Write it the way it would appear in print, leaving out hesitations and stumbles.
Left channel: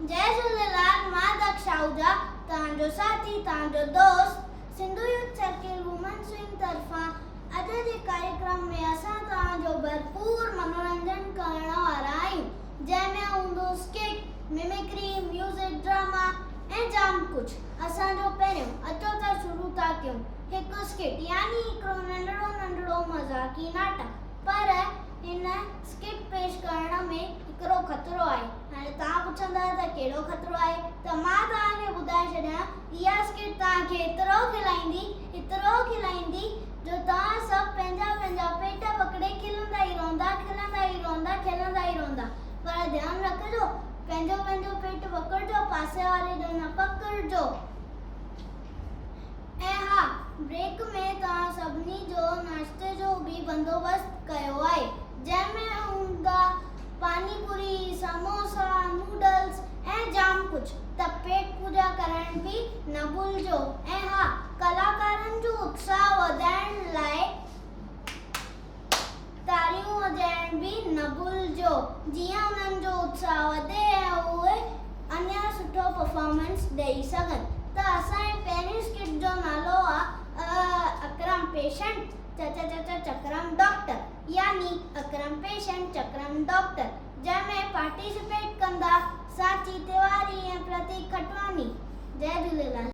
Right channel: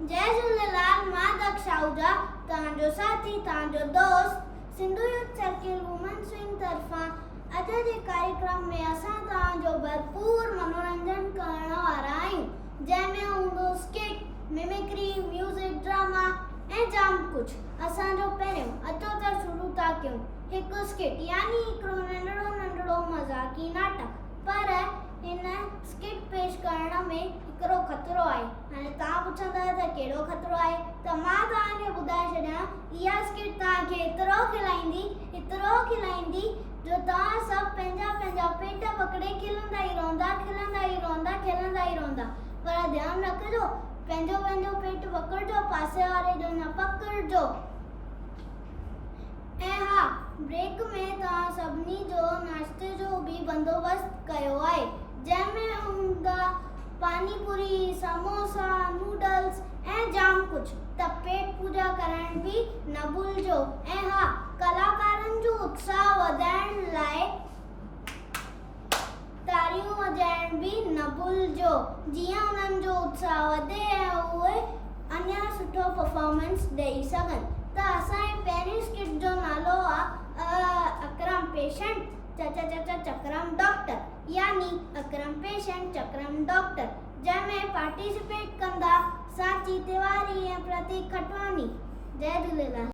जय झूलेलाल, मां दक्ष आहूजा, तव्हांजो साथी, तव्हांजो दोस्त Sindhu youth circle women swing तरफ़ां अॼु जे कार्यक्रम में असां तव्हांजो भरपूर मनोरंजन करण वारा आहियूं, जंहिंमें हूंदो स्किट, मिमिक्री, म्यूज़िक, ड्रामा ऐं जाम कुझु। असांजो पहिरियों अचो त शुरू था कयूं हिकु स्किट यानी हिकिड़ो नंढड़ो मज़ाकी नाटक। पर हिन स्किट पेश करण में हिकिड़ो ख़तरो आहे। हाणे तव्हां पुछंदा त कहिड़ो ख़तरो आहे, त मां तव्हांखे ॿुधाए छॾियां। इहा स्किट तव्हांखे एतिरो खिलाईंदी जो तव्हां सभु पंहिंजा पेट पकड़े खिलंदा ई रहंदा। पर ध्यानु रखिजो, पंहिंजो पेट पकड़िजो, पासे वारे जो न पकड़िजो। ऐं हा, ब्रेक में तव्हां सभिनी जो नाश्ते जो बि बंदोबस्तु कयो आहे, जंहिंमें हूंदा पानीपुरी, समोसा, नूडल्स ऐं जाम कुझु। त पेट पूजा करण बि न भुलिजो। ऐं हा, कलाकारनि जो उत्साह वधाइण लाइ तारियूं वॼाइण बि न भुलिजो, जीअं उन्हनि जो उत्साह वधे ऐं उहे अञा सुठो परफॉर्मेंस ॾेई सघनि। त असांजे पहिरीं स्किट जो नालो आहे अकरम पेशेंट चक्रम डॉक्टर, यानी अकरम पेशेंट चक्रम डॉक्टर, जंहिंमें पार्टिसिपेट कंदा सांची तिवारी ऐं प्रतीक खटवानी। जय झूलेलाल।